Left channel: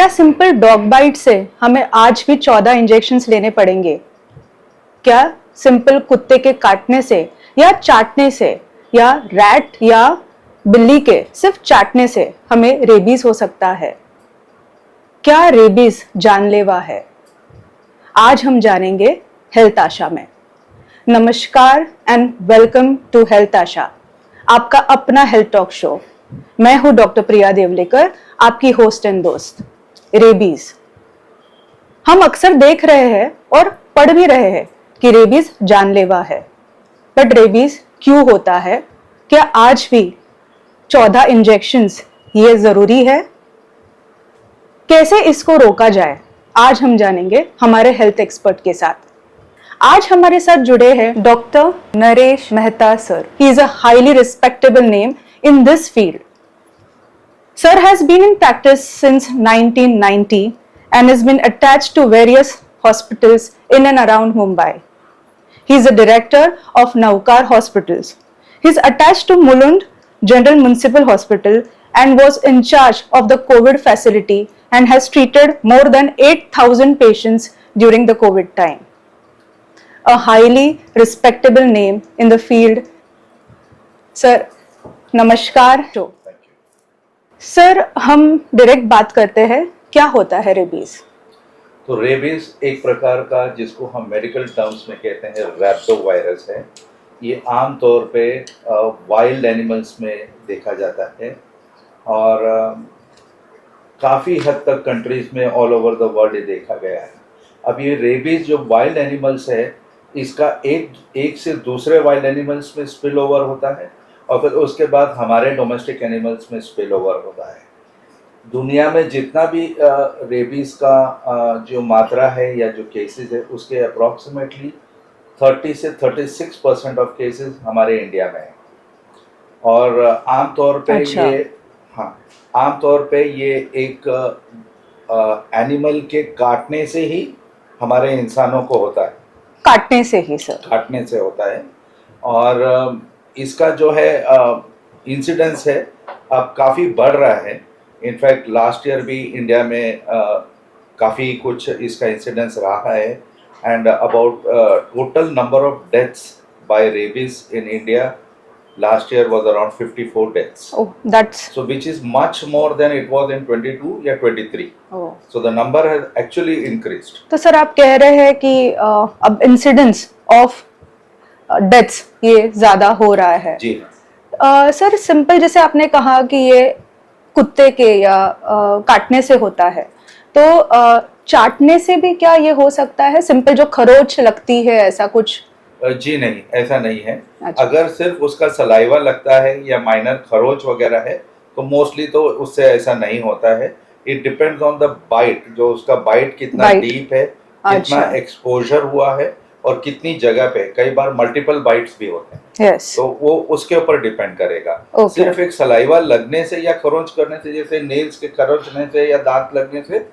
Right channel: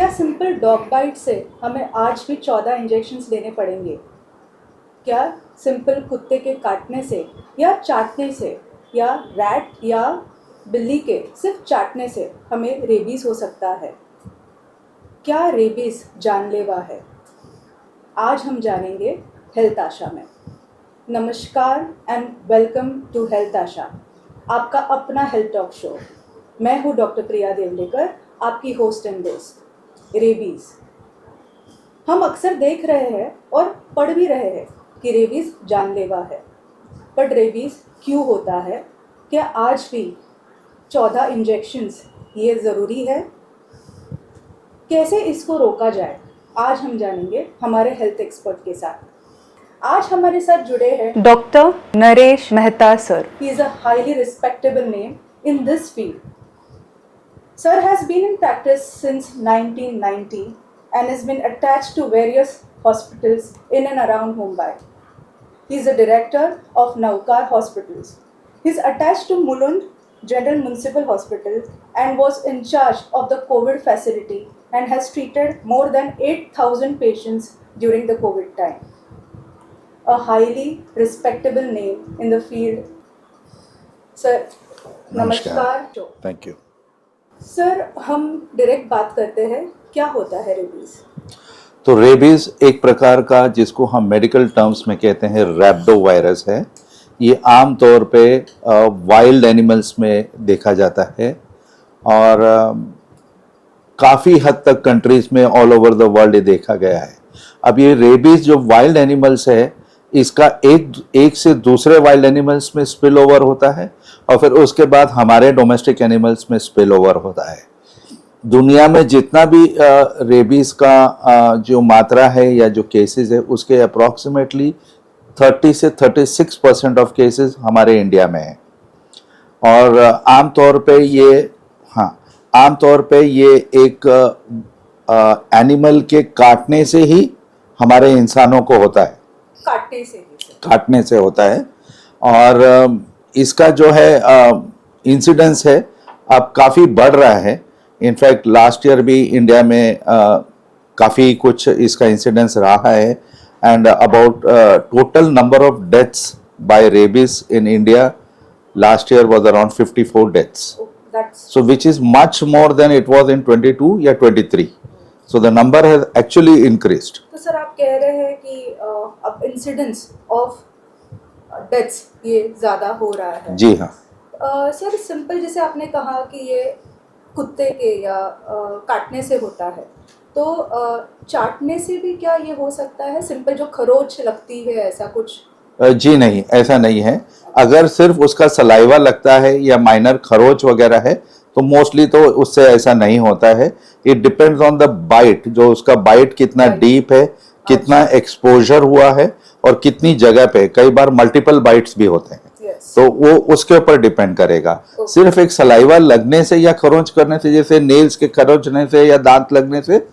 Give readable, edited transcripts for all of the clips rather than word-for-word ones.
क्या simple dog bite से हमें आज भी 14 इंजेक्शंस लेने पड़ेंगे? क्या सिंपल कुत्ते के काटने से या चाटने से या रैट या बिल्ली के सिर्फ चाटने से हमें रेबीज हो सकता है? क्या रेबीज जानलेवा है? आज हम जानेंगे हेल्थ आशा में। नमस्कार एंड वेलकम टू हेल्थ आशा, आपका अपना हेल्थ टॉक शो। मैं हूं डॉक्टर प्रिया देवलेकर, आपकी होस्ट एंड दोस्त। रेबीज हम अक्सर देख रहे हैं और पढ़ भी रहे हैं कि रेबीज जानलेवा है। बट रेबीज क्यों होता है? क्या आज भी 14 इंजेक्शंस ये जरूरी है? कैसे इसको रोका जाए? आज हम जानेंगे हमारे हेल्थ एक्सपर्ट के साथ। आज हमारे साथ जुड़े हैं doctor Naresh Mehta sir. He is a highly respectable name in this field. Sir has been in practice since 1990 and has been attached to various hospitals in and around Mumbai. He is a director of Navkar Hospitals. He is attached to Mulund General Municipal Hospital and was in charge of the COVID facility and has treated more than 8,000 patients during the COVID time. A highly respectable name in the field. Sir, नमस्कार। Thank you sir, हम direct बात करते हैं, क्या होता है rabies? तो rabies एक प्रकार का, जिसको हम मेडिकल टर्म्स में कहते हैं, रैबिडो वायरस है। ये आम तौर पे वाइल्ड एनिमल्स में देखा जाता है और काफ़ी हद तक कंट्रीज में ऑल ओवर द वर्ल्ड ये देखा गया है। अब ये रेबीज जो वाइल्ड एनिमल्स है, इसका एक से दूसरे वाइल्ड एनिमल्स में स्पिल ओवर होता है और फिर उसके बाद हमारे डोमेस्टिक एनिमल्स में स्पिल ओवर होता है। दुनिया में जितना भी रेबीज का जो मात्रा है या जो केसेस है, उसके अप्रॉक्सीमेटली 30 से 36% ऑफ केसेस हमारे इंडिया में है। और आमतौर पे ये एक एनिमल के काटने से ही हमारे इंसानों को होता है। काटने से ही सर? काटने से होता है। और इसका जो है इंसिडेंस है अब काफ़ी बढ़ रहा है। इनफैक्ट लास्ट ईयर भी इंडिया में काफ़ी कुछ इसका इंसिडेंस रहा है। And about total number of deaths by rabies in India last year was around 54 deaths. So which is much more than it was in 22 या 23। So the number has actually increased. तो sir, आप कह रहे हैं कि अब incidence of deaths ये ज्यादा हो रहा है? जी हाँ। सर, सिंपल जैसे आपने कहा कि ये कुत्ते के या काटने से होता है, तो चाटने से भी क्या ये हो सकता है? सिंपल जो खरोच लगती है, ऐसा कुछ? जी नहीं, ऐसा नहीं है। अच्छा। अगर सिर्फ उसका सलाइवा लगता है या माइनर खरोच वगैरह है तो मोस्टली तो उससे ऐसा नहीं होता है। It depends on the bite, जो उसका बाइट कितना डीप है, कितना एक्सपोजर हुआ है और कितनी जगह पे। कई बार मल्टीपल बाइट्स भी होते हैं। तो वो उसके ऊपर डिपेंड करेगा। सिर्फ एक सलाइवा लगने से या खरोंच करने से, जैसे नेल्स के खरोंचने से या दांत लगने से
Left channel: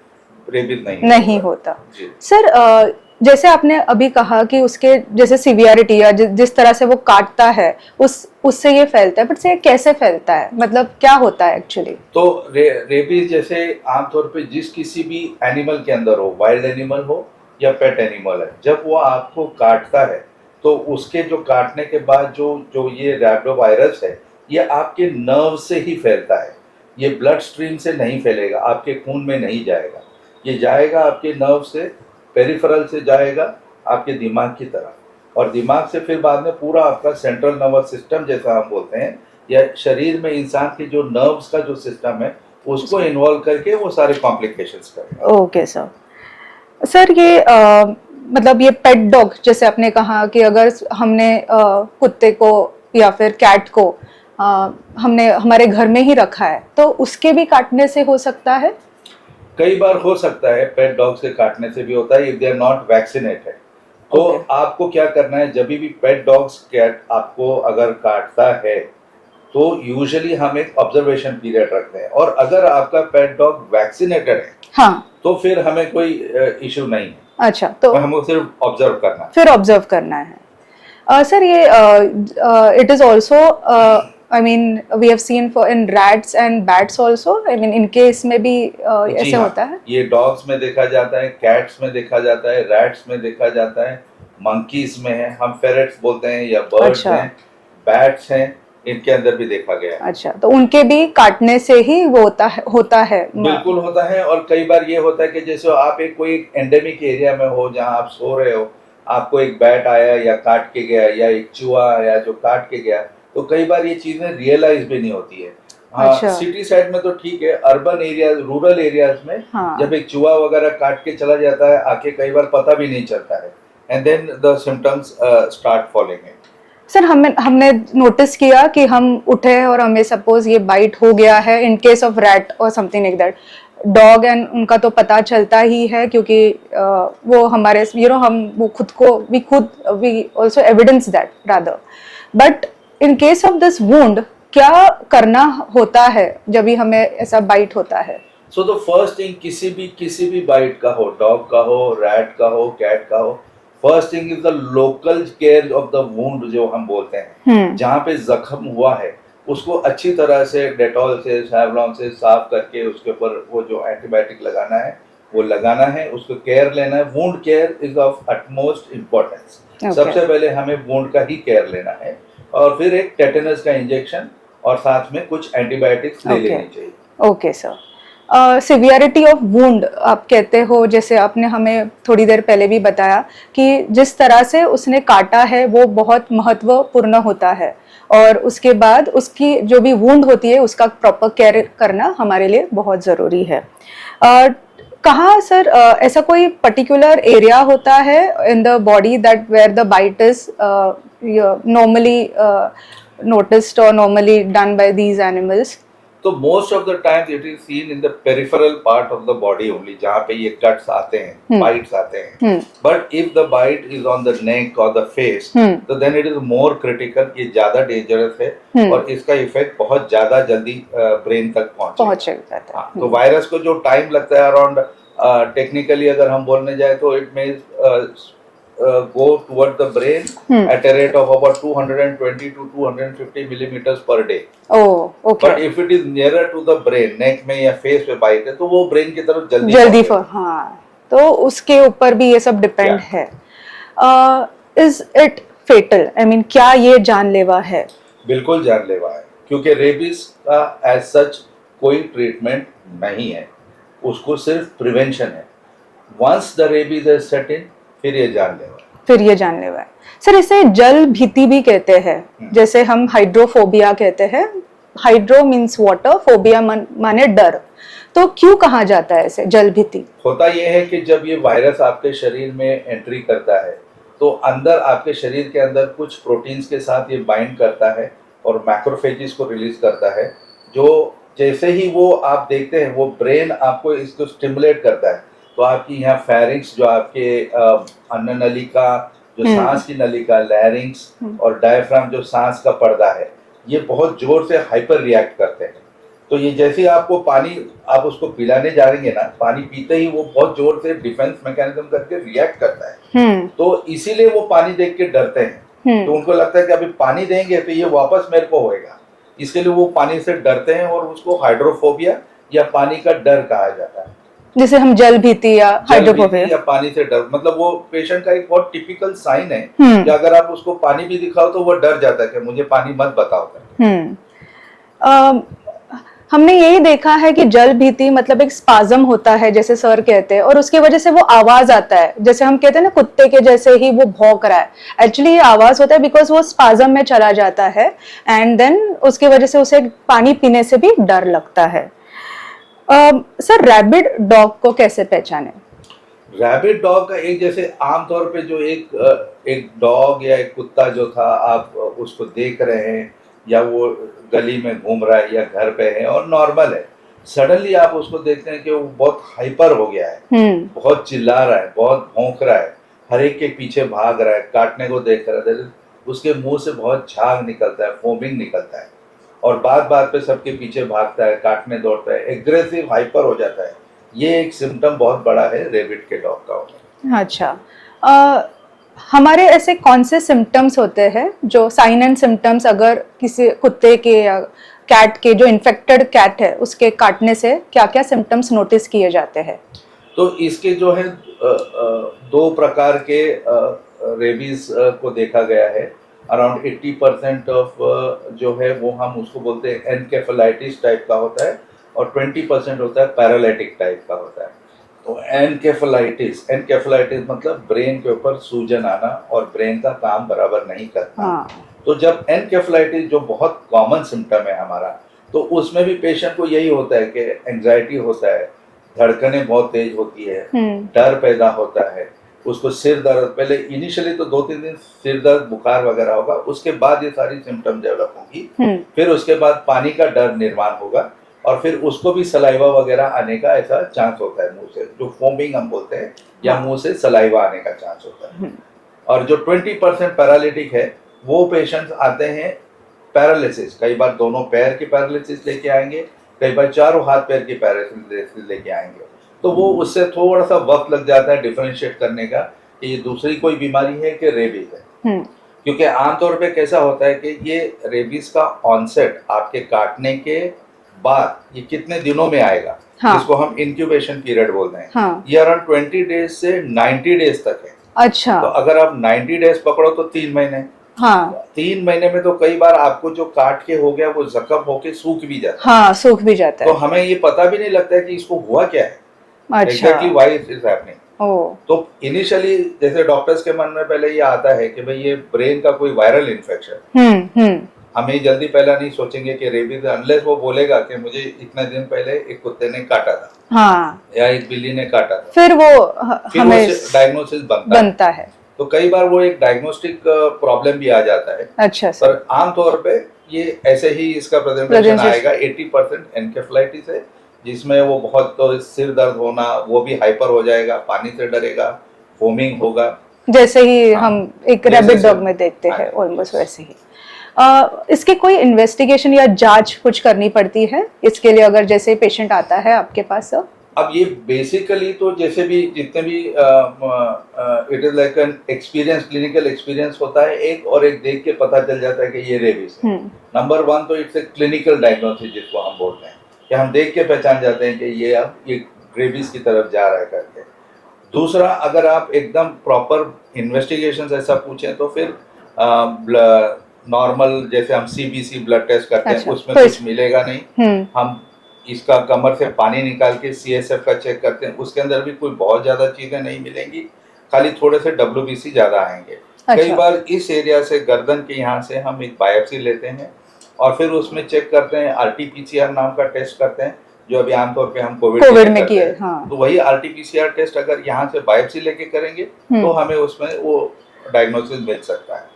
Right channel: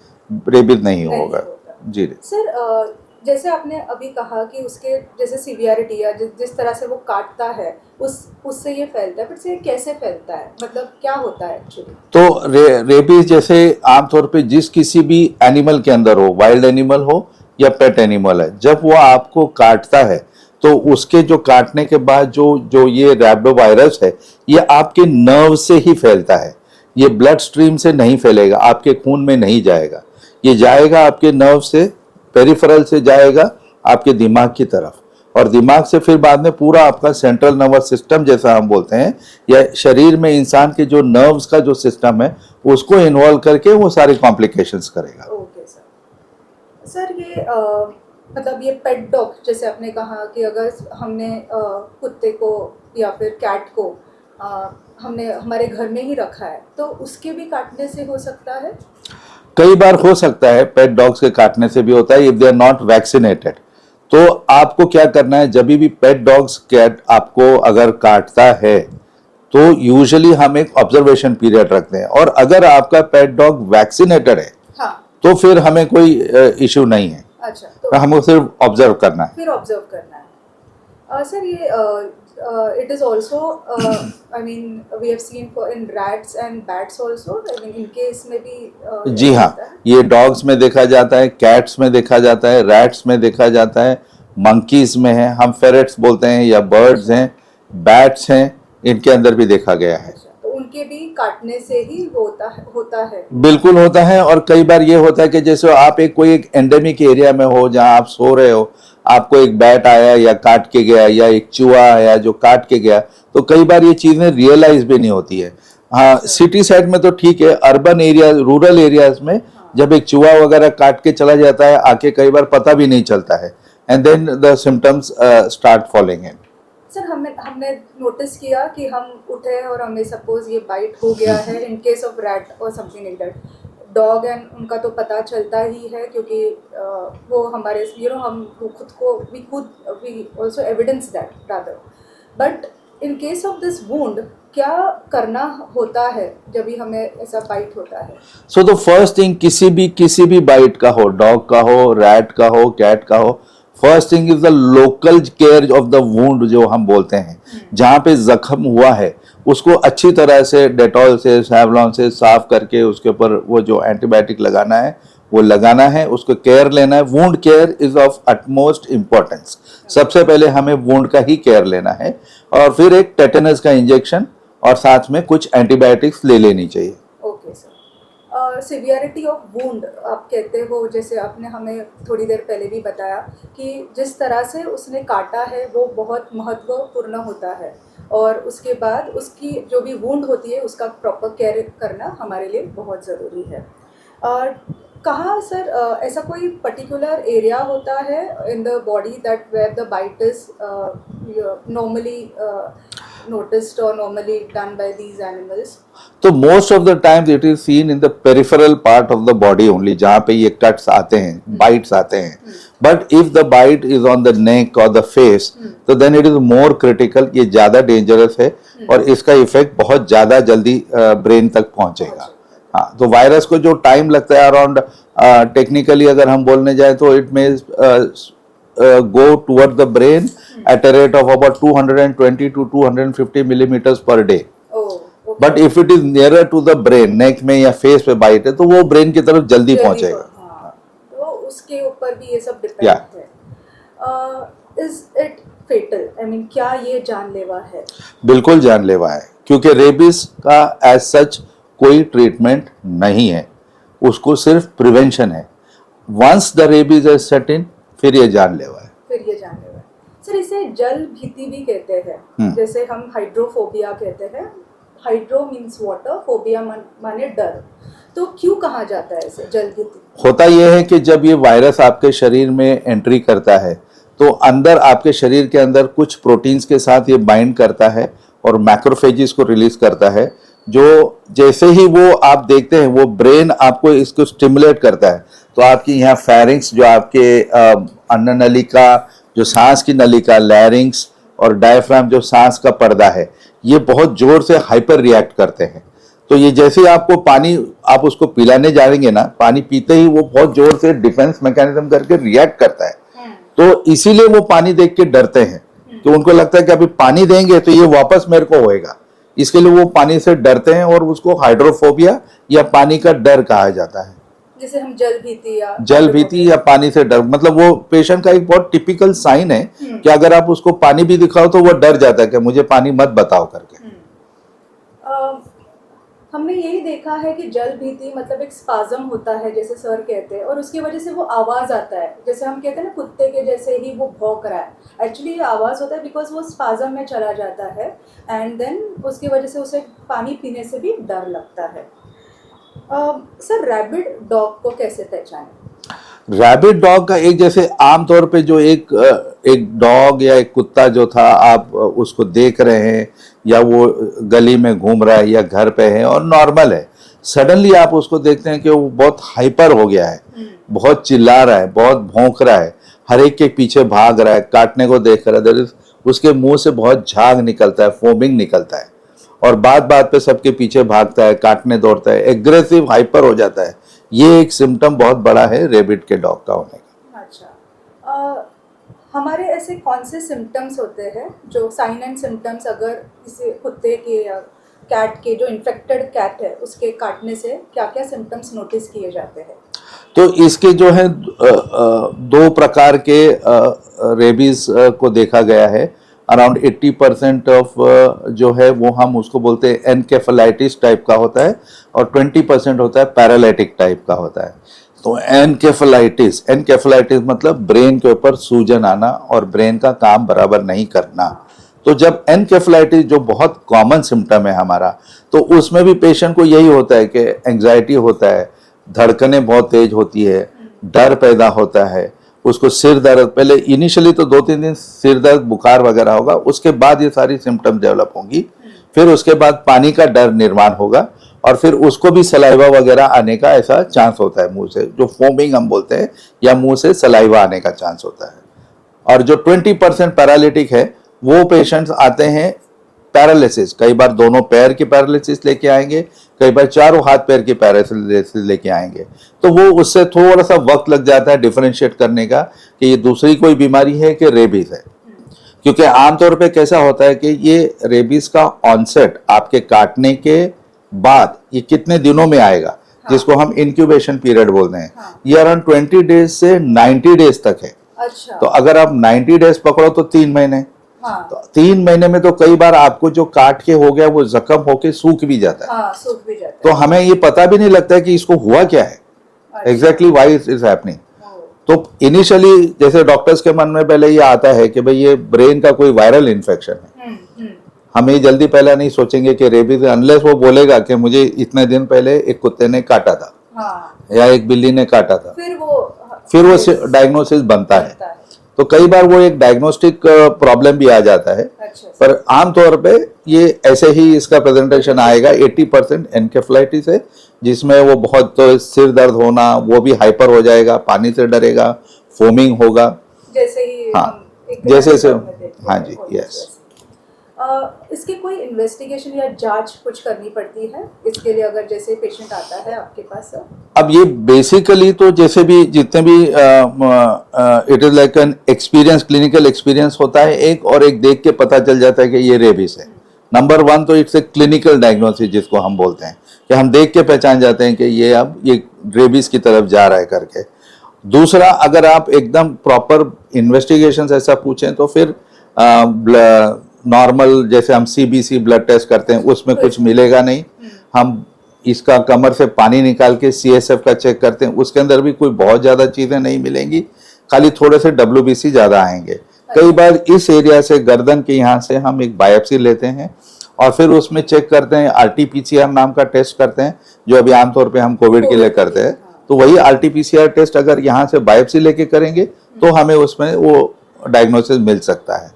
रेबीज नहीं होता। जी सर, जैसे आपने अभी कहा कि उसके जैसे सीवियरिटी या जिस तरह से वो काटता है उससे ये फैलता है, बट से कैसे फैलता है? मतलब क्या होता है एक्चुअली? तो रेबीज जैसे आमतौर पे जिस किसी भी एनिमल के अंदर हो, वाइल्ड एनिमल हो या पेट एनिमल है, जब वो आपको काटता है तो उसके जो काटने के बाद जो ये रैबिडो वायरस है, ये आपके नर्व से ही फैलता है। ये ब्लड स्ट्रीम से नहीं फैलेगा, आपके खून में नहीं जाएगा। ये जाएगा आपके नर्व से, पेरिफेरल से जाएगा आपके दिमाग की तरफ, और दिमाग से फिर बाद में पूरा आपका सेंट्रल नर्वस सिस्टम, जैसा हम बोलते हैं, या शरीर में इंसान के जो नर्व्स का जो सिस्टम है, उसको इन्वॉल्व करके वो सारे कॉम्प्लिकेशंस करेगा। Okay sir. सर, ये मतलब ये पेट डॉग, जैसे आपने कहा कि अगर हमने कुत्ते को या फिर कैट को हमने हमारे घर में ही रखा है, तो उसके भी काटने से हो सकता है? कई बार हो सकता है, पेट डॉग्स के काटने से भी होता है, if they are not vaccinated. तो आपको क्या करना है, जब भी पेट डॉग्स कैट आपको अगर काटता है तो यूजुअली हम एक ऑब्जर्वेशन पीरियड रखते हैं, और अगर आपका पेट डॉग वैक्सीनेटेड है, हाँ, तो फिर हमें कोई इश्यू नहीं है। अच्छा, तो हमको सिर्फ ऑब्जर्व करना है। फिर ऑब्जर्व करना है। Sir, ये it is also I mean we have seen for in rats and bats also. I mean इनके इसमें भी जी ऐसे हाँ, होता है. ये डॉग्स में देखा जाता है, कैट्स में देखा जाता है, रैट्स में देखा जाता है, मंकीज में है, हम फेरेट्स बोलते हैं या बर्ड्स अच्छा. हैं, बैट्स हैं, इनके अंदर भी देखा गया है। अच्छा, तो उनके भी काटने से ही वो होता है. बिल्कुल होता है। और कई बार ये होता है कि जैसे आप कोई एक एंडेमिक एरिया में हो जहां आप सो रहे हो, आपको एक बैट आया या काट के गया या एक चूहा आया जो काट के गया, तो कई बार ये चीजें रियलाइज भी नहीं होती है। हाँ, अच्छा. सिटी साइड में तो ठीक है, अर्बन एरिया, रूरल एरियाज में हाँ. जब एक चूहा वगैरह काट के चला जाता है, आके कई बार पता भी नहीं चलता है, and then the symptoms start following in. Sir हमने नोटिस किया कि हम उठे और हमें सपोज ये बाइट हो गया है इन केस ऑफ रैट और something like that, dog and उनका तो पता चलता ही है क्योंकि वो हमारे हम वो खुद को we also evidence that rather, but in case of this wound क्या करना होता है जब भी हमें ऐसा बाइट होता है? सो द फर्स्ट थिंग, किसी भी बाइट का हो, डॉग का हो, रैट का हो, कैट का हो, first thing is the local care of the wound जो हम बोलते हैं। जहां पे जख्म हुआ है उसको अच्छी तरह से डेटॉल से, सैवलॉन से साफ करके उसके ऊपर वो जो एंटीबायोटिक लगाना है वो लगाना है, उसको केयर लेना है। Wound care is of utmost importance. सबसे पहले हमें वुंड का ही केयर लेना है, और फिर एक टेटेनस का इंजेक्शन और साथ में कुछ एंटीबायोटिक्स ले लेनी चाहिए। Okay sir. Severity of wound आप कहते हो, जैसे आपने हमें थोड़ी देर पहले भी बताया कि जिस तरह से उसने काटा है वो बहुत महत्वपूर्ण होता है, और उसके बाद उसकी जो भी वुंड होती है उसका प्रॉपर केयर करना हमारे लिए बहुत ज़रूरी है। कहाँ सर ऐसा कोई पर्टिकुलर एरिया होता है in the body that where the bite is normally noticed or normally done by these animals? तो most of the times it is seen in the peripheral part of the body only, जहां पे ये cuts आते हैं, bites आते हैं। But if the bite is on the neck और the face, तो then it is more critical, ये ज्यादा डेंजरस है और इसका इफेक्ट बहुत ज्यादा जल्दी ब्रेन तक पहुंचेगा। हाँ, तो वायरस को जो टाइम लगता है अराउंड, टेक्निकली अगर हम बोलने जाए तो इट में go toward the brain at a rate of about 220 to 250 millimeters per day. Oh, okay. But if it is nearer to the brain, neck में या face पे बाइट है, तो वो ब्रेन की तरफ जल्दी पहुंचेगा। हाँ, तो उसके ऊपर भी ये सब डिपेंड है। Is it fatal? I mean, क्या ये जानलेवा है? बिल्कुल जानलेवा है, क्योंकि रेबीज का एज सच कोई ट्रीटमेंट नहीं है, उसको सिर्फ प्रिवेंशन है। Once the rabies is set in, फिर ये जानलेवा है। सर इसे जल भीति भी कहते हैं, जैसे हम हाइड्रोफोबिया कहते हैं। हाइड्रो मीन्स वाटर, फोबिया माने डर। तो क्यों कहा जाता है इसे जल भीति? होता यह है कि जब ये वायरस आपके शरीर में एंट्री करता है तो अंदर आपके शरीर के अंदर कुछ प्रोटीन्स के साथ ये बाइंड करता है और मैक्रोफेजेस को रिलीज करता है, जो जैसे ही वो आप देखते हैं वो ब्रेन आपको इसको स्टिमुलेट करता है, तो आपकी यहाँ फेरिंग्स जो आपके अन्न नलिका, जो सांस की नलिका, लैरिंग्स और डायफ्राम जो सांस का पर्दा है, ये बहुत जोर से हाइपर रिएक्ट करते हैं। तो ये जैसे आपको पानी आप उसको पिलाने जाएंगे ना, पानी पीते ही वो बहुत जोर से डिफेंस मैकेनिज्म करके रिएक्ट करता है। तो इसीलिए वो पानी देख के डरते हैं, तो उनको लगता है कि अभी पानी देंगे तो ये वापस मेरे को होएगा, इसके लिए वो पानी से डरते हैं और उसको हाइड्रोफोबिया या पानी का डर कहा जाता है। जिसे हम जल भीति या पानी से डर, मतलब वो पेशेंट का एक बहुत टिपिकल साइन है कि अगर आप उसको पानी भी दिखाओ तो वो डर जाता है कि मुझे पानी मत बताओ करके। हमने यही देखा है कि जल भीति मतलब एक स्पाज्म होता है, जैसे सर कहते हैं, और उसकी वजह से वो आवाज आता है, जैसे हम कहते हैं ना कुत्ते के जैसे ही वो भौंक रहा है। एक्चुअली ये आवाज होता है बिकॉज वो स्पाज्म में चला जाता है, एंड देन उसकी वजह से उसे पानी पीने से भी डर लगता है। सर रैबिड डॉग को कैसे पहचाने? रैबिड डॉग का एक, जैसे आमतौर पे जो एक डॉग या एक कुत्ता जो था, आप उसको देख रहे हैं या वो गली में घूम रहा है या घर पे है और नॉर्मल है, सडनली आप उसको देखते हैं कि वो बहुत हाइपर हो गया है, बहुत चिल्ला रहा है, बहुत भौंक रहा है, हर एक के पीछे भाग रहा है, काटने को देख रहा है, उसके मुंह से बहुत झाग निकलता है, फोमिंग निकलता है, और बात बात पे सबके पीछे भागता है, काटने दौड़ता है, एग्रेसिव हाइपर हो जाता है। ये एक सिम्टम बहुत बड़ा है रेबिड के डॉग का होने। अच्छा, हमारे ऐसे कौन से सिम्टम्स होते हैं जो साइन एंड सिम्टम्स, अगर किसी कुत्ते के या कैट के, जो इन्फेक्टेड कैट है उसके काटने से क्या क्या सिम्टम्स नोटिस किए जाते हैं? तो इसके जो है दो प्रकार के रेबीज को देखा गया है। अराउंड 80% ऑफ जो है वो हम उसको बोलते हैं एनकेफेलाइटिस टाइप का होता है, और 20% होता है पैरालिटिक टाइप का होता है। तो एनकेफेलाइटिस मतलब ब्रेन के ऊपर सूजन आना और ब्रेन का काम बराबर नहीं करना। हाँ। तो जब एनकेफेलाइटिस जो बहुत कॉमन सिम्टम है हमारा, तो उसमें भी पेशेंट को यही होता है कि एंजाइटी होता है, धड़कनें बहुत तेज होती है, डर पैदा होता है, उसको सिर दर्द, पहले इनिशियली तो 2-3 दिन सिर दर्द बुखार वगैरह होगा, उसके बाद ये सारी सिम्टम डेवलप होंगी। फिर उसके बाद पानी का डर निर्माण होगा, और फिर उसको भी सलाइवा वगैरह आने का ऐसा चांस होता है, मुंह से जो फोमिंग हम बोलते हैं, या मुंह से सलाइवा आने का चांस होता है। और जो 20% पैरालिटिक है, वो पेशेंट्स आते हैं पैरालिसिस, कई बार दोनों पैर की पैरालिसिस लेके आएंगे, कई बार चारों हाथ पैर की पैरालिसिस लेके आएंगे। तो वो उससे थोड़ा सा वक्त लग जाता है डिफरेंशिएट करने का कि ये दूसरी कोई बीमारी है कि रेबीज है। क्योंकि आमतौर पे कैसा होता है कि ये रेबीज का ऑनसेट आपके काटने के बाद ये कितने दिनों में आएगा, हाँ। जिसको हम इंक्यूबेशन पीरियड बोलते हैं, हाँ। ये अराउंड 20 डेज से 90 डेज तक है। अच्छा। तो अगर आप 90 डेज पकड़ो तो 3 महीने। हाँ। 3 महीने में तो कई बार आपको जो काट के हो गया वो जख्म होके सूख भी जाता है। हाँ, सूख भी जाता तो है। हमें ये पता भी नहीं लगता है कि इसको हुआ क्या है, अच्छा। Exactly why it is happening. तो इनिशियली जैसे डॉक्टर्स के मन में पहले ये आता है कि भाई ये ब्रेन का कोई वायरल इन्फेक्शन है। हम ये जल्दी पहले नहीं सोचेंगे कि रेबीज, अनलेस वो बोलेगा कि मुझे इतने दिन पहले एक कुत्ते ने काटा था, हाँ। या एक बिल्ली ने काटा था, फिर वो डायग्नोसिस बनता है। तो कई बार वो एक डायग्नोस्टिक प्रॉब्लम भी आ जाता है। अच्छा। पर आमतौर पे ये ऐसे ही इसका प्रेजेंटेशन आएगा। 80% एनकेफेलाइटिस है, जिसमें वो बहुत सिर दर्द होना, वो भी हाइपर हो जाएगा, पानी से डरेगा, फोमिंग होगा, जैसे ही हाँ, हम एक जैसे रैबिट डॉग में देखते हाँ हैं, जी, ऑलमोस्ट yes। वैसे ही। इसकी कोई इन्वेस्टिगेशन या जांच कुछ करनी पड़ती है इसके लिए, अगर जैसे पेशेंट आता है आपके पास? अब ये बेसिकली तो जैसे भी जितने भी it is like an experience, clinical experience होता है एक, और एक देख के पता चल जाता है कि ये रेबीज है। नंबर 1 तो इट्स ए क्लिनिकल डायग्नोसिस, जिसको हम बोलते हैं कि हम देख के पहचान जाते हैं कि ये अब ये रेबीज की तरफ जा रहा है करके। दूसरा, अगर आप एकदम प्रॉपर इन्वेस्टिगेशन ऐसा पूछें तो फिर नॉर्मल जैसे हम सीबीसी ब्लड टेस्ट करते हैं, उसमें कुछ मिलेगा नहीं। हम इसका कमर से पानी निकाल के सीएसएफ का चेक करते हैं, उसके अंदर भी कोई बहुत ज्यादा चीजें नहीं मिलेंगी, खाली थोड़े से WBC ज्यादा आएंगे। अच्छा। कई बार इस एरिया से, गर्दन के यहाँ से हम एक बायोप्सी लेते हैं, और फिर उसमें चेक करते हैं, RT-PCR नाम का टेस्ट करते हैं, जो अभी आमतौर पे हम कोविड के लिए करते हैं। हाँ। तो वही RT-PCR टेस्ट अगर यहाँ से बायोप्सी लेके करेंगे तो हमें उसमें वो डायग्नोसिस मिल सकता है।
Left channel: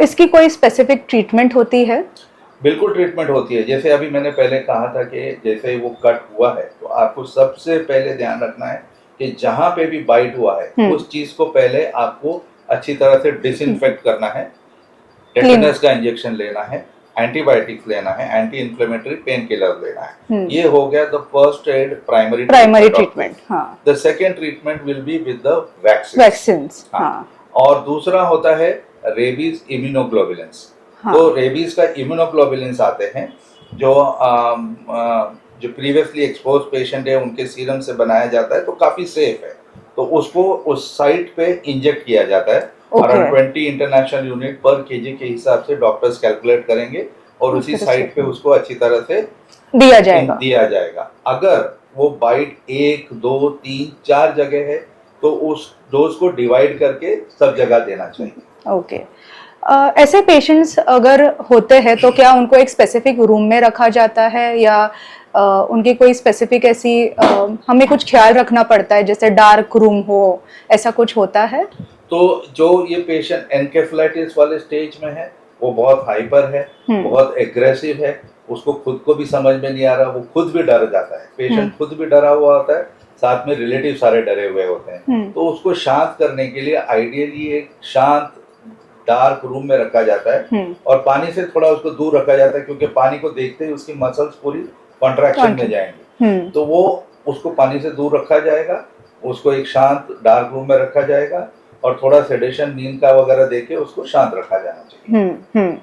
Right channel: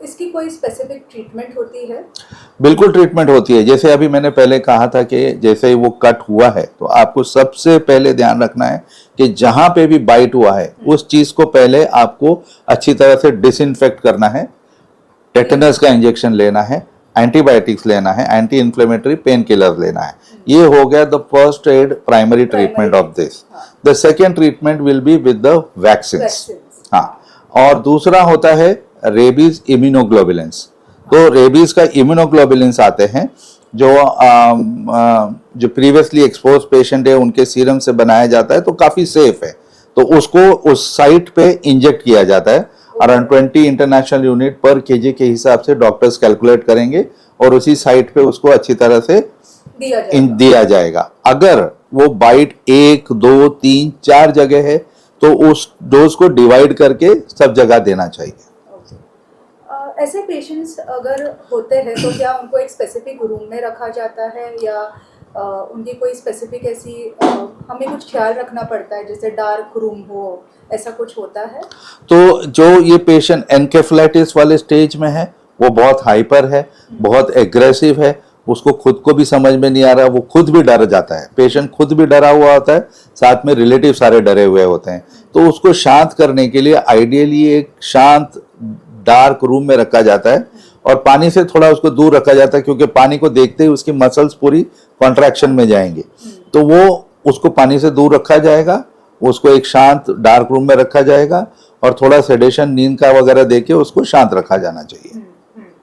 इसकी कोई स्पेसिफिक ट्रीटमेंट होती है? बिल्कुल ट्रीटमेंट होती है। जैसे अभी मैंने पहले कहा था कि जैसे ही वो कट हुआ है, तो आपको सबसे पहले ध्यान रखना है कि जहां पे भी बाइट हुआ है उस चीज को पहले आपको अच्छी तरह से डिसइंफेक्ट करना है, टेटनस का इंजेक्शन लेना है, एंटीबायोटिक्स लेना है, एंटी इन्फ्लेमेटरी पेन किलर लेना है। ये हो गया the first aid primary treatment of this. The second treatment will be with the vaccines. और दूसरा होता है रेबीज इम्यूनोग्लोबुलिन्स। तो रेबीज का इम्यूनोग्लोबुलिन्स आते हैं जो प्रीवियसली एक्सपोज पेशेंट है उनके सीरम से बनाया जाता है, तो काफी सेफ है। तो उसको उस साइट पे इंजेक्ट किया जाता है। अराउंड 20 इंटरनेशनल यूनिट पर केजी के हिसाब से डॉक्टर्स कैलकुलेट करेंगे, और उसी साइट पे उसको अच्छी तरह से दिया जाएगा। अगर वो बाइट 1, 2, 3, 4 जगह है तो उस डोज को डिवाइड करके सब जगह देना चाहिए। ओके। ऐसे पेशेंट्स अगर होते हैं तो क्या उनको एक स्पेसिफिक रूम में रखा जाता है, या उनकी कोई स्पेसिफिक ऐसी हमें कुछ ख्याल रखना पड़ता है, जैसे डार्क रूम हो, ऐसा कुछ होता है? तो जो ये पेशेंट एनकेफेलाइटिस वाले स्टेज में है, वो बहुत हाइपर है, बहुत एग्रेसिव है, उसको खुद को भी समझ में नहीं आ रहा, वो खुद भी डर जाता है, पेशेंट खुद भी डरा हुआ होता है, साथ में रिलेटिव सारे डरे हुए होते हैं। तो उसको शांत करने के लिए आइडियली एक शांत डार्क रूम में रखा जाता है, और पानी से थोड़ा उसको दूर रखा जाता है, क्योंकि पानी को देखते ही उसकी मसल्स पूरी कॉन्ट्रैक्शन में जाएंगी। तो वो उसको पानी से दूर रखा जाएगा, उसको एक शांत डार्क रूम में रखा जाएगा, और थोड़ा सेडेशन नींद का वगैरह देके उसको शांत रखा जाना चाहिए।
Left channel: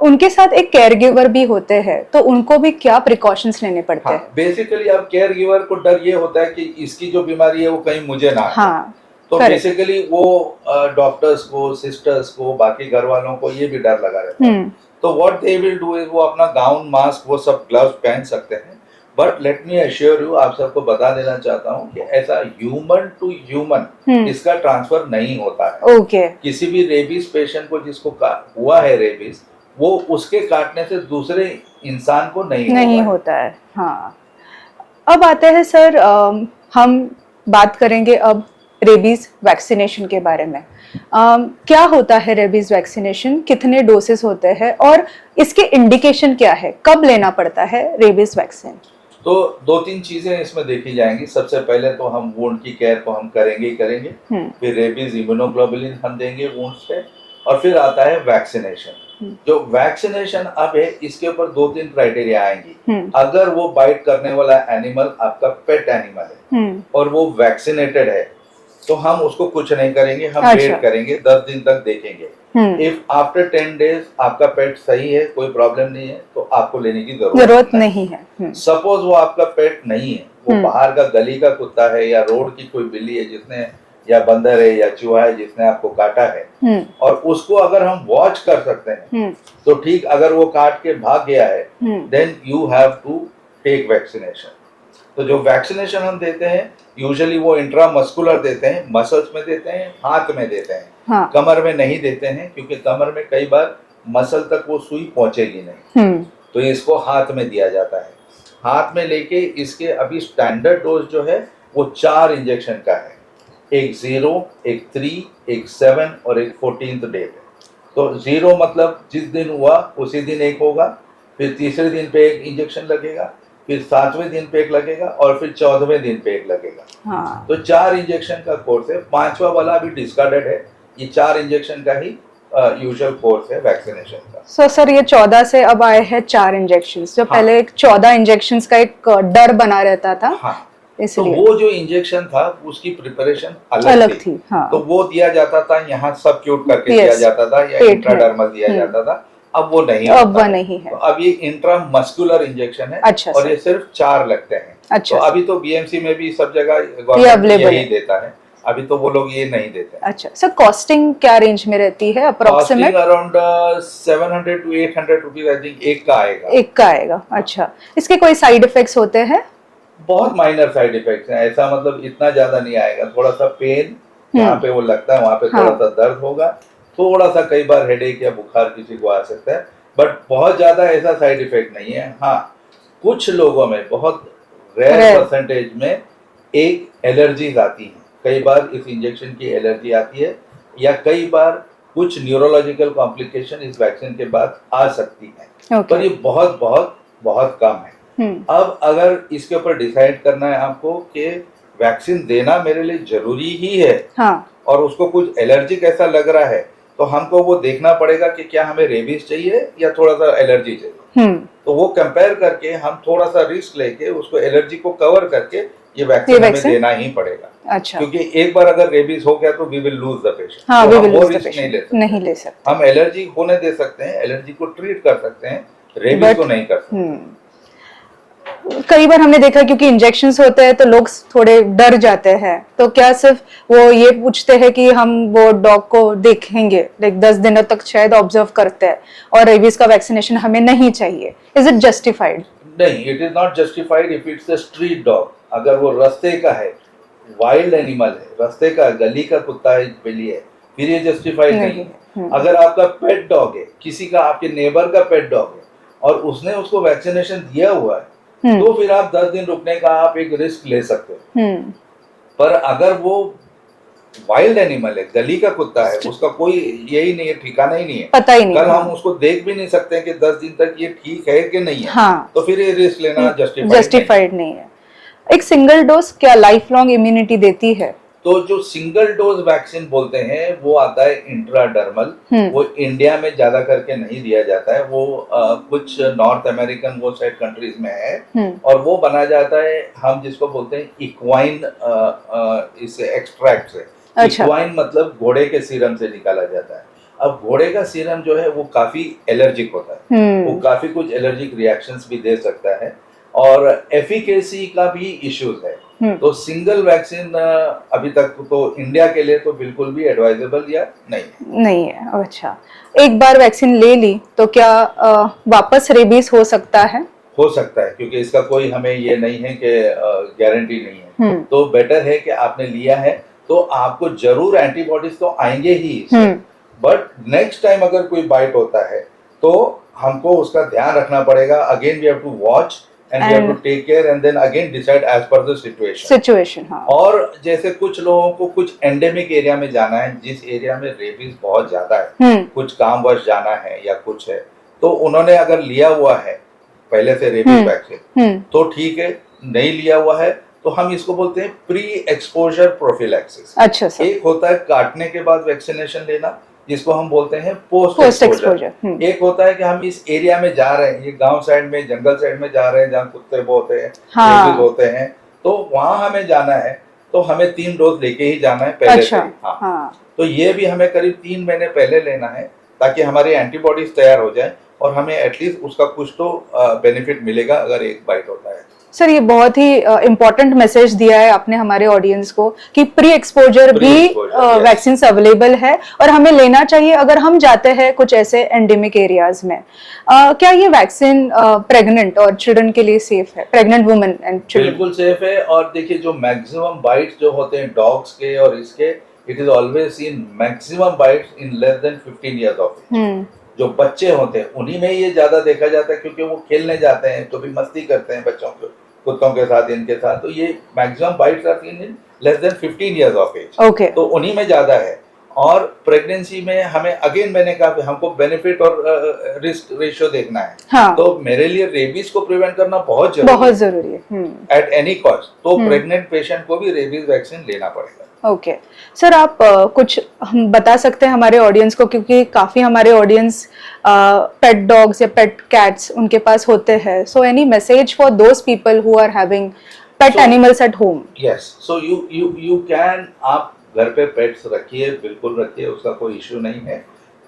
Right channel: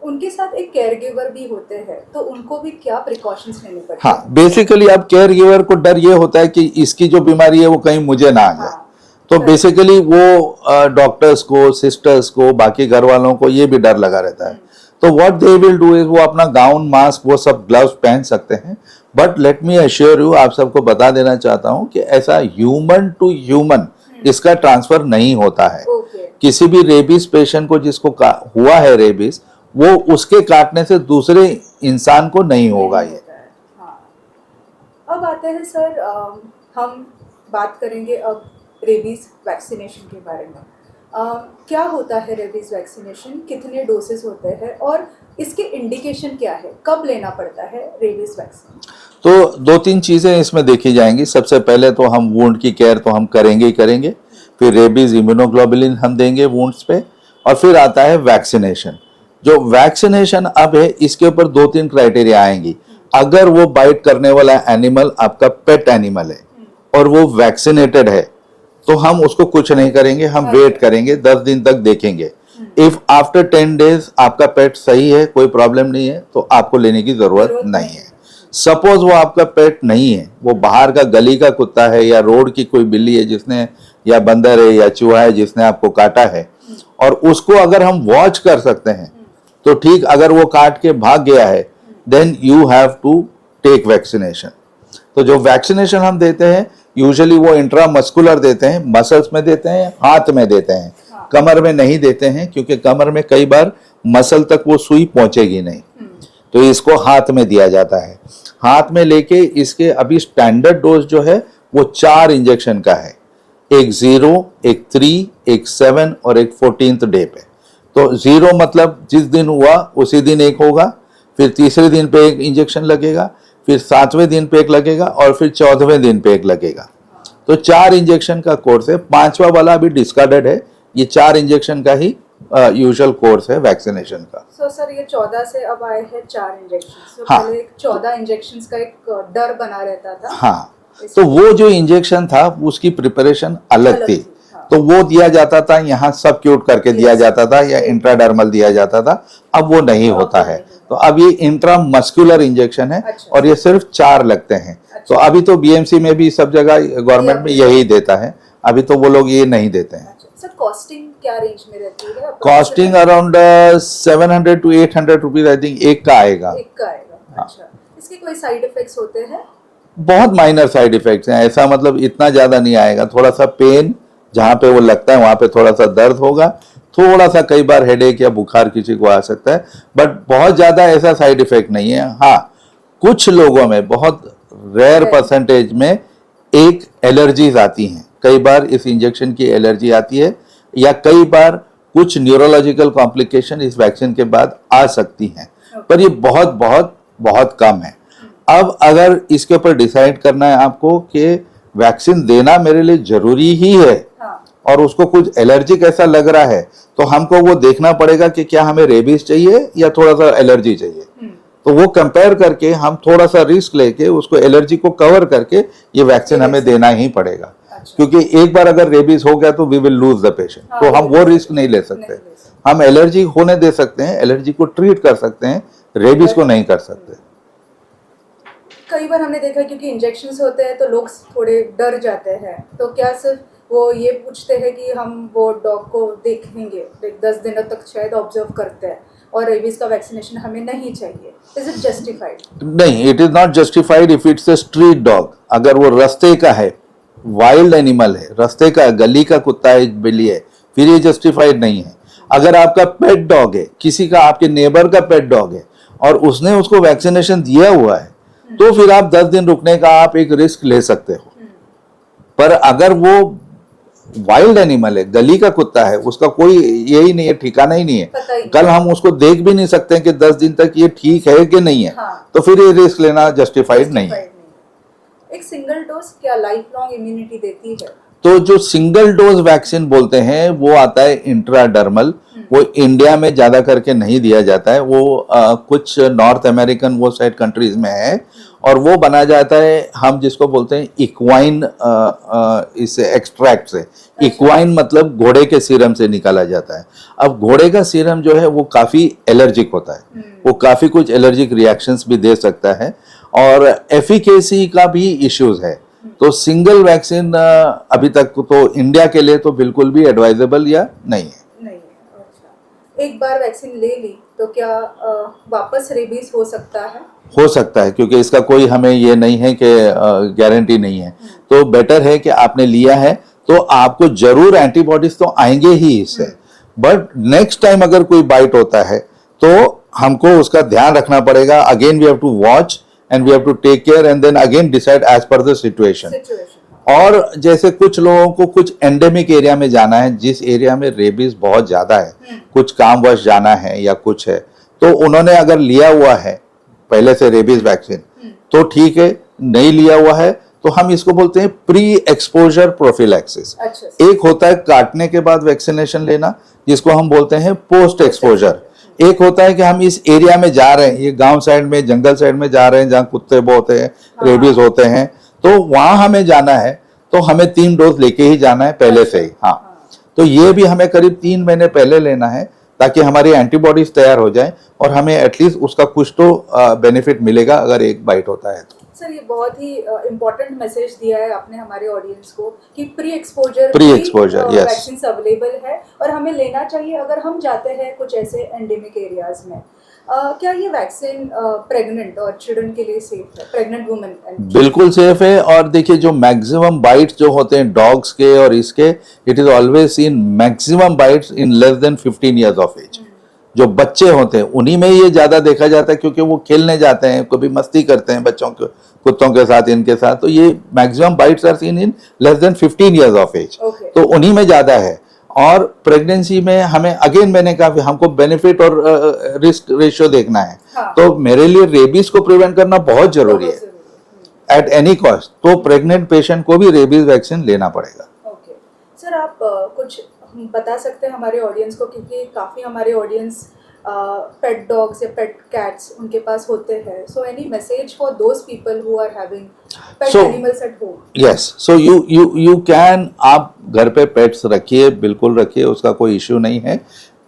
उनके साथ एक केयर गिवर भी होते हैं, तो उनको भी क्या प्रिकॉशंस लेने पड़ते हाँ, हैं? बेसिकली अब केयर गिवर को डर ये होता है कि इसकी जो बीमारी है वो कहीं मुझे ना आ जाए। हाँ, तो correct. बेसिकली वो डॉक्टर्स को, सिस्टर्स को, बाकी घर वालों को ये भी डर लगा रहता है। तो what they will do is वो अपना गाउन, मास्क, वो सब ग्लव्स पहन सकते हैं। But let me assure you, आप सबको बता देना चाहता हूँ कि ऐसा ह्यूमन टू ह्यूमन इसका ट्रांसफर नहीं होता है। ओके। किसी भी रेबीज पेशेंट को जिसको हुआ है रेबीज, वो उसके काटने से दूसरे इंसान को नहीं होता है। हाँ, अब आते हैं सर, हम बात करेंगे अब रेबीज वैक्सीनेशन के बारे में। क्या होता है रेबीज वैक्सीनेशन, कितने डोसेस होते हैं और इसके इंडिकेशन क्या है, कब लेना पड़ता है रेबीज वैक्सीन? तो दो तीन चीजें इसमें देखी जाएंगी। सबसे पहले तो हम वुंड की केयर तो हम करेंगे ही करेंगे, फिर रेबीज इम्यूनोग्लोबुलिन हम देंगे वुंड्स पे, और फिर आता है वैक्सीनेशन। जो वैक्सीनेशन अब है, इसके ऊपर दो तीन क्राइटेरिया आएंगी। अगर वो बाइट करने वाला एनिमल आपका पेट एनिमल है और वो वैक्सीनेटेड है, तो हम उसको कुछ नहीं करेंगे, हम वेट करेंगे, 10 दिन तक देखेंगे। इफ आफ्टर 10 डेज आपका पेट सही है, कोई प्रॉब्लम नहीं है, तो आपको लेने की जरूरत नहीं है। सपोज वो आपका पेट नहीं है, वो बाहर का गली का कुत्ता है या रोड की कोई बिल्ली है जिसने, या बंदर है या चूहा है जिसने आपको काटा है, और उसको अगर हम वॉच कर सकते हैं तो ठीक, अगर वो काट के भाग गया है then you have to take vaccination. तो जो वैक्सीनेशन हम देते हैं यूजुअली वो इंट्रामस्कुलर देते हैं, मसल्स में देते हैं, हाथ में देते हैं। हाँ। कमर में नहीं देते हैं, क्योंकि कमर में कई बार मसल तक वो सुई पहुंचेगी नहीं। तो इसको हाथ में दिया जाता है। हाथ में लेके इसके अभी स्टैंडर्ड डोज जो है वो 4 इंजेक्शन का है, एक 0, एक 3, एक 7 और एक 14th डे पे। तो 0 मतलब जिस दिन हुआ उसी दिन एक होगा, फिर तीसरे दिन पे एक इंजेक्शन लगेगा, फिर 7वें दिन पे एक लगेगा और फिर 14वें दिन पे एक लगेगा। हाँ। तो 4 इंजेक्शन का कोर्स है। 5वां वाला अभी डिस्कार्डेड है। ये 4 इंजेक्शन का ही यूजुअल कोर्स है वैक्सीनेशन का। सर ये 14 से अब आए हैं 4 इंजेक्शन, जो हाँ। पहले 14 इंजेक्शन का एक डर बना रहता था। हाँ, तो वो जो इंजेक्शन था उसकी प्रिपरेशन अलग थी। हाँ। तो वो दिया जाता था, यहाँ सब क्यूट करके दिया जाता था या इंट्राडर्मल दिया जाता था। अब वो नहीं होता है। तो अब ये इंट्रामस्कुलर इंजेक्शन है। अच्छा, और ये सिर्फ 4 लगते हैं। अच्छा। तो अभी तो बीएमसी में भी सब जगह गवर्नमेंट यही देता है, अभी तो वो लोग ये नहीं देते हैं। अच्छा सर, कॉस्टिंग क्या रेंज में रहती है? Costing around 700 to 800 rupees I think एक का आएगा। अच्छा, इसके कोई साइड इफेक्ट्स होते हैं? बहुत माइनर साइड इफेक्ट्स हैं, ऐसा मतलब इतना ज्यादा नहीं आएगा। थोड़ा सा पेन जहाँ पे वो लगता है वहां पे थोड़ा सा दर्द होगा, थोड़ा सा कई बार हेडेक या बुखार किसी को आ सकता है, बट बहुत ज्यादा ऐसा साइड इफेक्ट नहीं है। हाँ, कुछ लोगों में, बहुत रेयर परसेंटेज में एक एलर्जीज आती हैं। कई बार इस इंजेक्शन की एलर्जी आती है, या कई बार कुछ न्यूरोलॉजिकल कॉम्प्लिकेशन इस वैक्सीन के बाद आ सकती हैं। पर ये बहुत बहुत बहुत कम है। अब अगर इसके ऊपर डिसाइड करना है आपको कि वैक्सीन देना मेरे लिए जरूरी ही है, हाँ। और उसको कुछ एलर्जिक ऐसा लग रहा है, तो हमको वो देखना पड़ेगा कि क्या हमें रेबीज चाहिए या थोड़ा सा एलर्जी चाहिए। तो वो कंपेयर करके हम थोड़ा सा रिस्क लेके उसको, एलर्जी को कवर करके ये वैक्सीन हमें देना ही पड़ेगा। अच्छा। क्योंकि एक बार अगर रेबीज हो गया तो we will lose the patient. तो हम वो रिस्क नहीं ले सकते। हम एलर्जी होने दे सकते हैं, एलर्जी को ट्रीट कर सकते हैं, रेबीज को नहीं कर सकते। कई बार हमने देखा, क्योंकि इंजेक्शंस होते हैं तो लोग थोड़े डर जाते हैं, तो क्या सिर्फ वो ये पूछते हैं कि हम वो डॉग को देखेंगे, लाइक 10 दिनों तक शायद ऑब्जर्व करते हैं, और रेबीज का वैक्सीनेशन हमें नहीं चाहिए? Is it justified? नहीं, it is not justified if it's a street dog. अगर वो रास्ते का है, वाइल्ड एनिमल है, रास्ते का, गली का कुत्ता है, बिल्ली है, फिर ये जस्टिफाइड नहीं है। अगर आपका पेट डॉग है, किसी का, आपके नेबर का पेट डॉग है, और उसने उसको वैक्सीनेशन दिया हुआ है, तो फिर आप 10 दिन रुकने का आप एक रिस्क ले सकते हो। पर अगर वो वाइल्ड एनिमल है, गली का कुत्ता है, उसका कोई यही नहीं है, ठिकाना ही नहीं है, पता ही नहीं, कल हम उसको देख भी नहीं सकते कि 10 दिन तक ये ठीक है कि नहीं है। हाँ। तो फिर ये रिस्क लेना जस्टिफाइड नहीं है। एक सिंगल डोज क्या लाइफ लॉन्ग इम्यूनिटी देती है? तो जो सिंगल डोज वैक्सीन बोलते हैं वो आता है इंट्राडर्मल, वो इंडिया में ज्यादा करके नहीं दिया जाता है, वो कुछ नॉर्थ अमेरिकन वो साइड कंट्रीज में है, और वो बनाया जाता है हम जिसको बोलते हैं इक्वाइन, इस एक्सट्रैक्ट से। इक्वाइन मतलब घोड़े के सीरम से निकाला जाता है। अब घोड़े का सीरम जो है वो काफी एलर्जिक होता है, वो काफी कुछ एलर्जिक रिएक्शंस भी दे सकता है, और एफिकेसी का भी इश्यूज है। तो सिंगल वैक्सीन अभी तक तो इंडिया के लिए तो बिल्कुल भी एडवाइजेबल या नहीं है। अच्छा, एक बार वैक्सीन ले ली तो क्या वापस रेबीज हो सकता है? हो सकता है, क्योंकि इसका कोई हमें ये नहीं है कि गारंटी नहीं है। तो बेटर है कि आपने लिया है तो आपको जरूर एंटीबॉडीज तो आएंगे ही इससे, बट नेक्स्ट टाइम अगर कोई बाइट होता है तो हमको उसका ध्यान रखना पड़ेगा। Again we have to watch and we have to take care and then again decide as per the situation। हाँ। और जैसे कुछ लोगों को कुछ एंडेमिक एरिया में जाना है, जिस एरिया में रेबीज बहुत ज्यादा है, कुछ कामवश जाना है या कुछ है, तो उन्होंने अगर लिया हुआ है पहले से रेबीज वैक्सीन तो ठीक है, नहीं लिया हुआ है तो हम इसको बोलते हैं प्री एक्सपोजर प्रोफिलैक्सिस। अच्छा। एक होता है काटने के बाद वैक्सीनेशन लेना, जिसको हम बोलते हैं पोस्ट एक्सपोजर। एक होता है कि हम इस एरिया में जा रहे हैं, ये गांव साइड में, जंगल साइड में जा रहे हैं जहाँ कुत्ते बहुत हैं, रेबीज होते हैं, तो वहां हमें जाना है तो हमें 3 डोज लेके ही जाना है पहले से ही। हाँ। तो ये भी हमें करीब 3 महीने पहले लेना है ताकि हमारी एंटीबॉडीज तैयार हो जाए और हमें एटलीस्ट उसका कुछ तो बेनिफिट मिलेगा अगर एक बाइट होता है तो। सर, ये बहुत ही इम्पोर्टेंट मैसेज दिया है आपने हमारे ऑडियंस को कि प्री एक्सपोजर भी वैक्सीन अवेलेबल है और हमें लेना चाहिए अगर हम जाते हैं कुछ ऐसे एंडेमिक एरियाज में। क्या ये वैक्सीन प्रेग्नेंट और चिल्ड्रन के लिए सेफ है? प्रेग्नेंट वुमेन एंड बिल्कुल सेफ है। और देखिए जो मैक्सिमम बाइट्स जो होते हैं डॉग्स के और इसके, it is always seen maximum bites in less than 15 years of age. जो बच्चे होते हैं उन्हीं में ये ज्यादा देखा जाता है, क्योंकि वो खेलने जाते हैं, कभी मस्ती करते हैं बच्चों के, कुत्तों के साथ, इनके साथ, तो ये maximum bites are seen in less than 15 years of age. तो उन्हीं में ज्यादा है। और प्रेगनेंसी में हमें अगेन मैंने कहा हमको बेनिफिट और रिस्क रेशियो देखना है। हाँ। तो मेरे लिए रेबीज को प्रिवेंट करना बहुत जरूरी है एट एनी कॉस्ट। तो प्रेग्नेंट पेशेंट को भी रेबीज वैक्सीन लेना पड़ेगा। ओके सर, आप कुछ हम बता सकते हैं हमारे ऑडियंस को, क्योंकि काफी हमारे ऑडियंस पेट डॉग्स या पेट कैट्स उनके पास होते हैं। So any message for those people who are having pet animals at home? Yes, so you can, आप घर पे पेट्स रखिए, बिल्कुल रखिए, उसका कोई इश्यू नहीं है,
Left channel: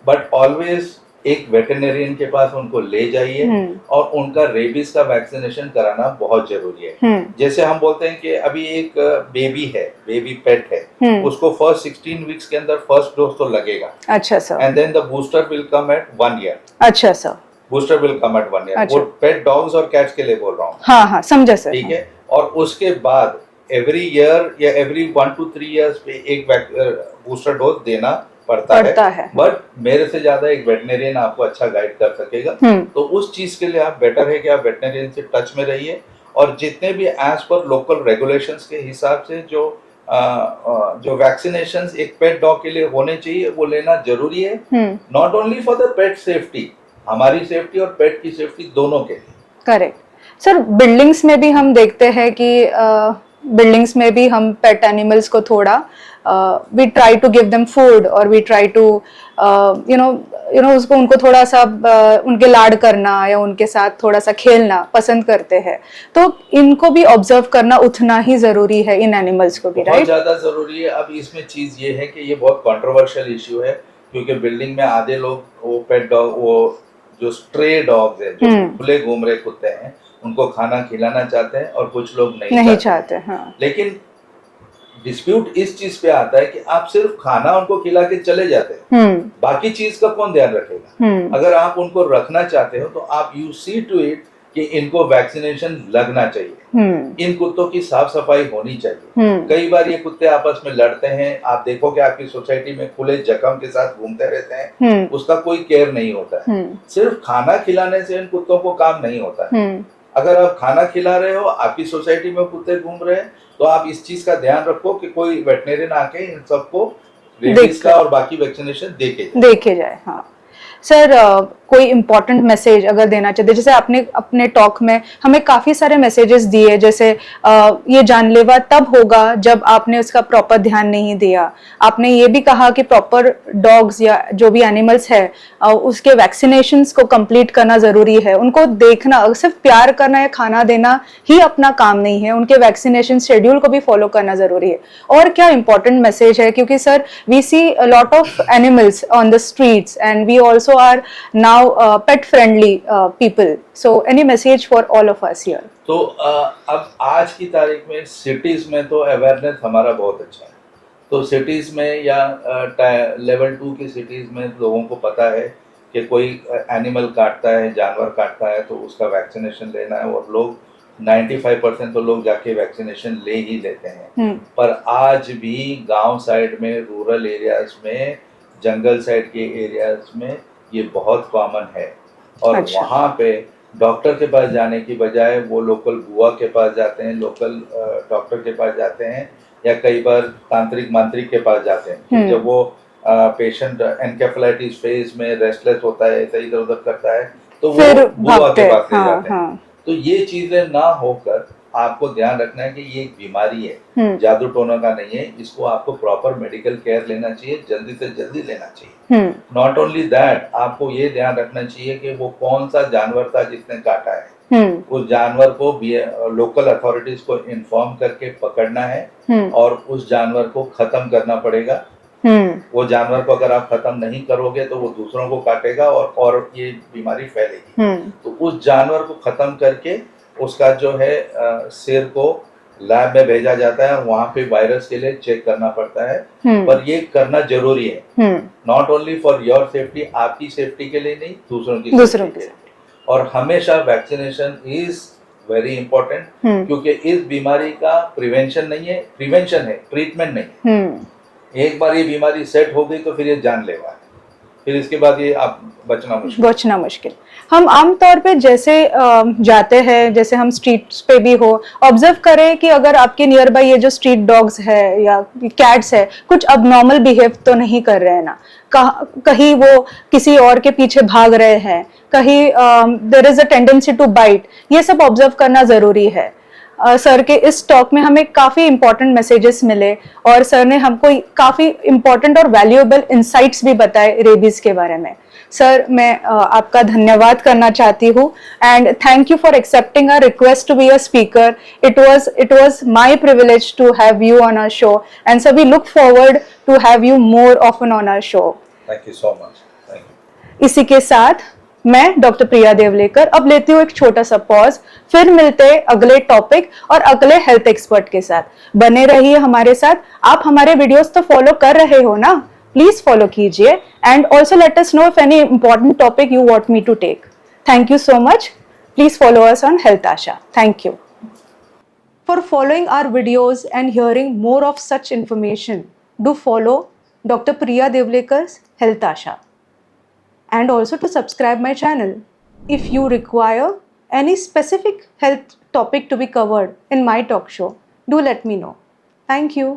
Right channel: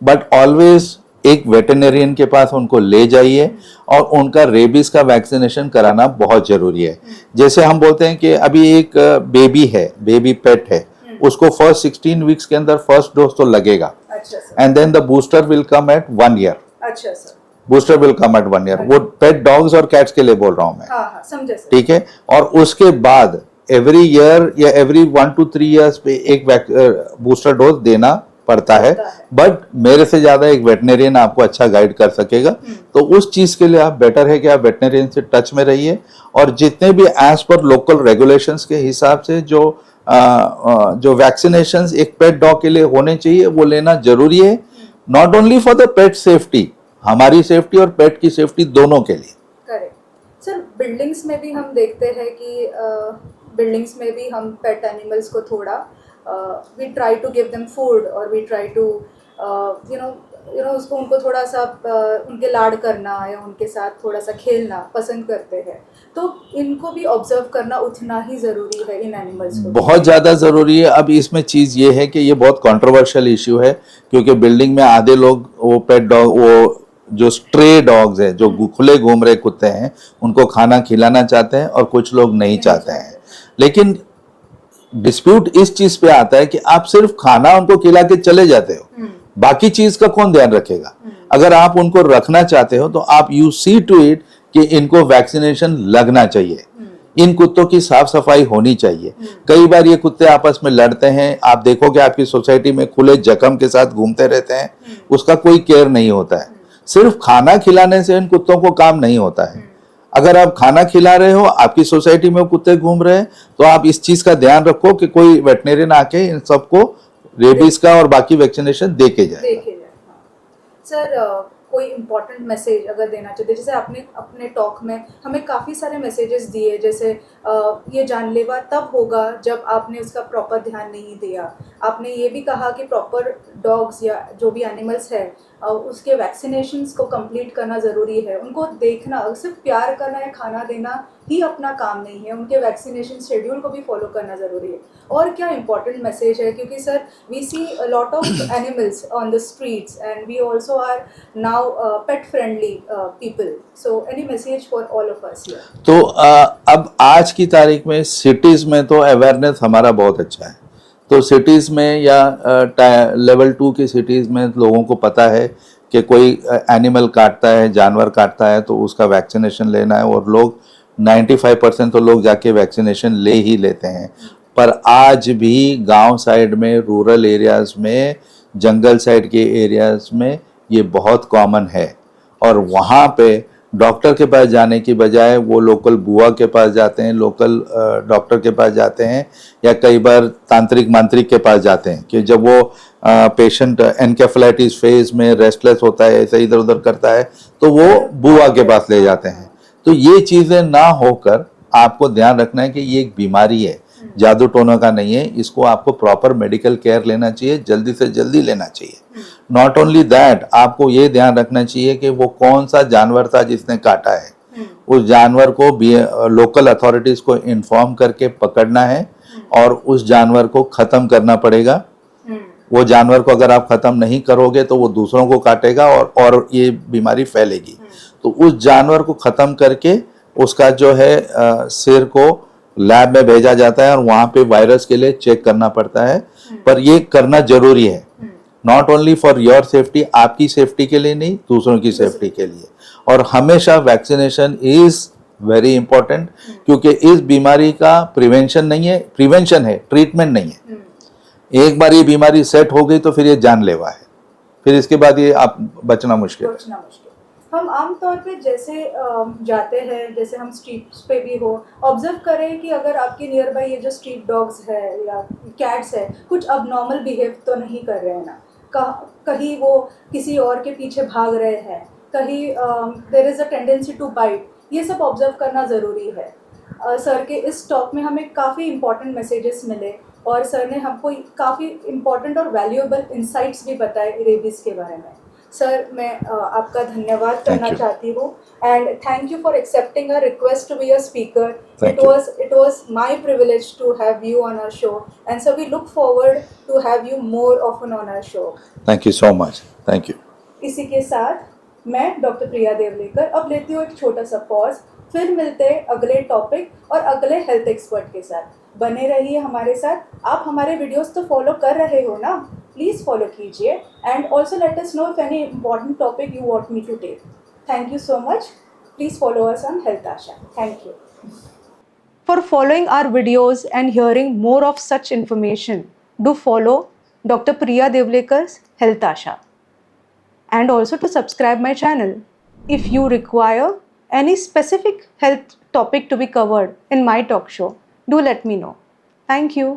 बट ऑलवेज एक वेटरनरियन के पास उनको ले जाइए और उनका रेबीज का वैक्सीनेशन कराना बहुत जरूरी है। जैसे हम बोलते हैं कि अभी एक बेबी है, बेबी पेट है, उसको फर्स्ट 16 वीक्स के अंदर फर्स्ट डोज तो लगेगा। अच्छा sir. And then the booster will come at 1 year. अच्छा sir. Booster will come at 1 year. वो पेट डॉग्स और कैट्स के लिए बोल रहा हूँ। हाँ, समझा सर। ठीक है। और उसके बाद एवरी ईयर या एवरी 1 to 3 ईयर्स पे एक बूस्टर डोज देना पड़ता है। बट मेरे से ज्यादा एक वेटनरियन आपको अच्छा गाइड कर सकेगा। तो उस चीज के लिए आप बेटर है कि आप वेटनरियन से टच में रहिए और जितने भी एज पर लोकल रेगुलेशंस के हिसाब से जो वैक्सीनेशंस एक पेट डॉग के लिए होने चाहिए वो लेना जरूरी है। Not only for the pet safety, हमारी सेफ्टी और पेट की सेफ्टी दोनों के लिए। Correct sir. बिल्डिंग्स में भी हम देखते हैं कि बिल्डिंग्स में भी हम पेट एनिमल्स को थोड़ा we try to give them food और we try to उनको थोड़ा सा उनके लाड करना या उनके साथ थोड़ा सा खेलना पसंद करते हैं। तो इनको भी ऑब्जर्व करना उतना ही जरूरी है, इन एनिमल्स को बहुत ज्यादा जरूरी है। अब इसमें चीज ये है कि ये बहुत कंट्रोवर्शियल इश्यू है, क्योंकि बिल्डिंग में आधे लोग वो पेट डॉग, वो जो स्ट्रे डॉग्स है, जो खुले घूम रहे कुत्ते हैं, उनको खाना खिलाना चाहते हैं और कुछ लोग नहीं चाहते हैं। हाँ। लेकिन डिस्प्यूट इस चीज पे आता है कि आप सिर्फ खाना उनको खिला के चले जाते हो, बाकी चीज का कौन ध्यान रखेगा? अगर आप उनको रखना चाहते हो तो आप यू सी टू इट कि इनको वैक्सीनेशन लगना चाहिए। इन कुत्तों की साफ सफाई होनी चाहिए। कई बार ये कुत्ते आपस में लड़ते हैं, आप देखोगे आपकी सोसाइटी में खुले जख्म के साथ घूमते रहते हैं, उसका कोई केयर नहीं होता है। सिर्फ खाना खिलाने से इन कुत्तों को काम नहीं होता है। अगर आप खाना खिला रहे हो, आपकी सोसाइटी में कुत्ते घूम रहे हैं, तो आप इस चीज का ध्यान रखो कि कोई वेटरनरियन आके इन सबको रेबीज का और बाकी वैक्सीनेशन देके जाए। हाँ सर, कोई इम्पोर्टेंट मैसेज अगर देना चाहते, जैसे आपने अपने टॉक में हमें काफ़ी सारे मैसेजेस दिए, जैसे ये जानलेवा तब होगा जब आपने उसका प्रॉपर ध्यान नहीं दिया। आपने ये भी कहा कि प्रॉपर डॉग्स या जो भी एनिमल्स है उसके वैक्सीनेशंस को कंप्लीट करना ज़रूरी है, उनको देखना, सिर्फ प्यार करना या खाना देना ही अपना काम नहीं है, उनके वैक्सीनेशन शेड्यूल को भी फॉलो करना ज़रूरी है। और क्या इम्पोर्टेंट मैसेज है, क्योंकि sir we see a lot of animals on the streets and we also are now pet friendly people, so any message for all of us here? तो अब आज की तारीख में सिटीज में तो अवेयरनेस हमारा बहुत अच्छा है। तो सिटीज में या लेवल 2 की सिटीज में लोगों को पता है कि कोई एनिमल काटता है, जानवर काटता है तो उसका वैक्सीनेशन लेना है, और लोग 95% तो लोग जाके वैक्सीनेशन ले ही लेते हैं। पर आज भी गांव साइड में, रूरल एरियाज में, जंगल साइड के एरियाज में ये बहुत कॉमन है, और अच्छा। वहाँ पे डॉक्टर के पास जाने की बजाय वो लोकल बुआ के पास जाते हैं, लोकल डॉक्टर के पास जाते हैं, या कई बार तांत्रिक मांत्रिक के पास जाते हैं कि जब वो पेशेंट एनकेफेलाइटिस फेज में रेस्टलेस होता है, ऐसे इधर उधर करता है, तो वो बुआ के पास ले जाते हैं। तो ये चीजें ना होकर आपको ध्यान रखना है कि ये एक बीमारी है, जादू टोना का नहीं है, इसको आपको प्रॉपर मेडिकल केयर लेना चाहिए, जल्दी से जल्दी लेना चाहिए। नॉट ओनली दैट, आपको ये ध्यान रखना चाहिए कि वो कौन सा जानवर था जिसने काटा है, उस जानवर को लोकल अथॉरिटीज को इन्फॉर्म करके पकड़ना है, और उस जानवर को खत्म करना पड़ेगा। वो जानवर को अगर आप खत्म नहीं करोगे तो वो दूसरों को काटेगा और ये बीमारी फैलेगी। तो उस जानवर को खत्म करके उसका जो है सिर को लैब में भेजा जाता है, और वहां पे वायरस के लिए चेक करना पड़ता है। पर ये करना जरूरी है, not only for your safety, आपकी सेफ्टी के लिए नहीं, दूसरों की सेफ्टी के लिए। और हमेशा वैक्सीनेशन इज वेरी इंपॉर्टेंट, क्योंकि इस बीमारी का प्रिवेंशन नहीं है, प्रिवेंशन है, ट्रीटमेंट नहीं है। एक बार ये बीमारी सेट हो गई तो फिर ये जानलेवा है, फिर इसके बाद ये आप बचना मुश्किल। हम आमतौर पे जैसे जाते हैं, जैसे हम स्ट्रीट्स पे भी हो, ऑब्जर्व करें कि अगर आपके नियर बाय ये जो स्ट्रीट डॉग्स है या कैट्स है कुछ अबनॉर्मल बिहेव तो नहीं कर रहे हैं ना, कहीं वो किसी और के पीछे भाग रहे हैं, कहीं there is a tendency to bite, ये सब ऑब्जर्व करना जरूरी है। सर के इस टॉक में हमें काफ़ी इंपॉर्टेंट मैसेजेस मिले, और सर ने हमको काफ़ी इंपॉर्टेंट और वैल्यूएबल इंसाइट्स भी बताए रेबीज के बारे में। सर, मैं आपका धन्यवाद करना चाहती हूँ, and thank you for accepting a request to be a speaker. It was my privilege to have you on our show, and sir we look forward to have you more often on our show. Thank you so much, thank you. इसी के साथ मैं doctor प्रिया देवलेकर अब लेती हूँ एक छोटा सा पॉज, फिर मिलते हैं अगले टॉपिक और अगले हेल्थ एक्सपर्ट के साथ। बने रहिए हमारे साथ। आप हमारे वीडियोस तो फॉलो कर रहे हो ना, प्लीज फॉलो कीजिए, and also let us know if any important topic you want me to take. Thank you so much. Please follow us on health Asha. Thank you for following our videos and hearing more of such information. Do follow Dr. Priya Devlekar's Health Asha, and also to subscribe my channel. If you require any specific health topic to be covered in my talk show, do let me know. Thank you.